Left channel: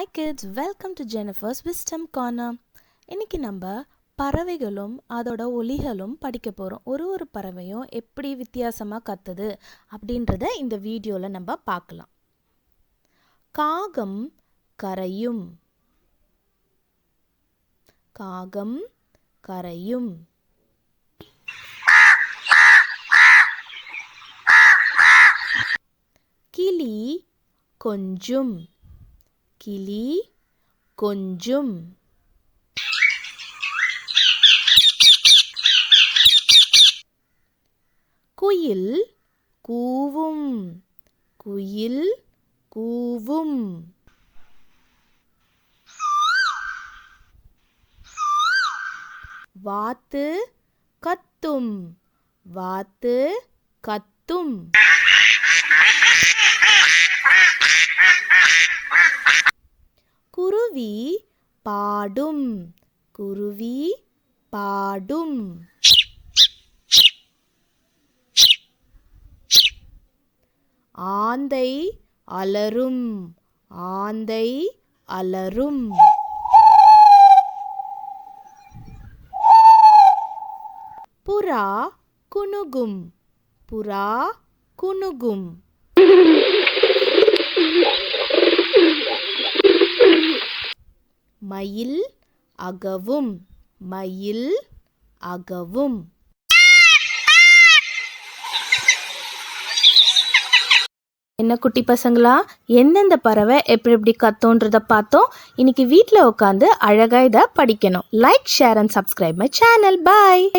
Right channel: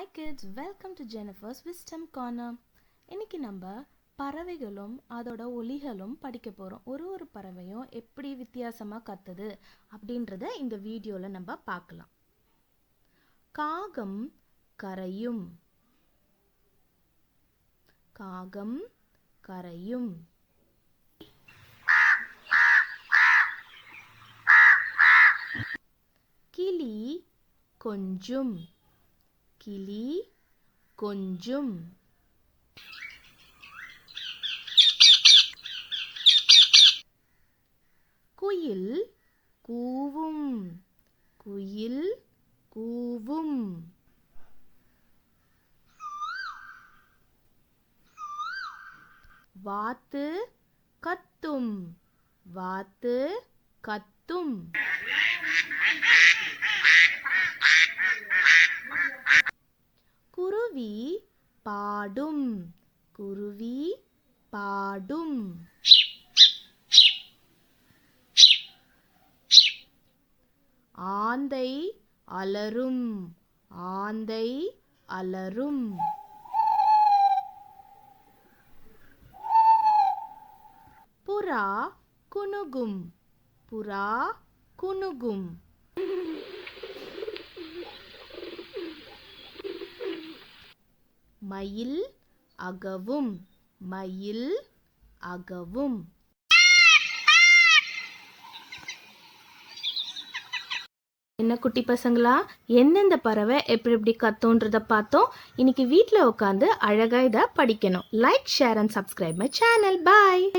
Hi kids, welcome to Jennifer's Wisdom Corner. இன்னைக்கு நம்ம பறவைகளும் அதோட ஒலிகளும் படிக்க போகிறோம். ஒரு பறவையும் எப்படி வித்தியாசமாக கத்துது அப்படின்றத இந்த வீடியோவில் நம்ம பார்க்கலாம். காகம் கரையும். காகம் கரையும். கிளி கொஞ்சும். கிளி கொஞ்சும். குயில் கூவும். குயில் கூவும். வாத்து கத்தும். வாத்து கத்தும். குருவி பாடும். குருவி பாடும். ஆந்தை அலறும். ஆந்தை அலறும். புறா குணுகும். புறா குணுகும். மயில் அகவும். மயில் அகவும். என்ன குட்டி பசங்களா, எந்தெந்த பறவை எப்படி கத்தோன்றதை பார்த்தோம். இன்னைக்கு வீட்டில் உட்காந்து அழகாக இதை படிக்கணும். Like, share and subscribe my channel. Bye.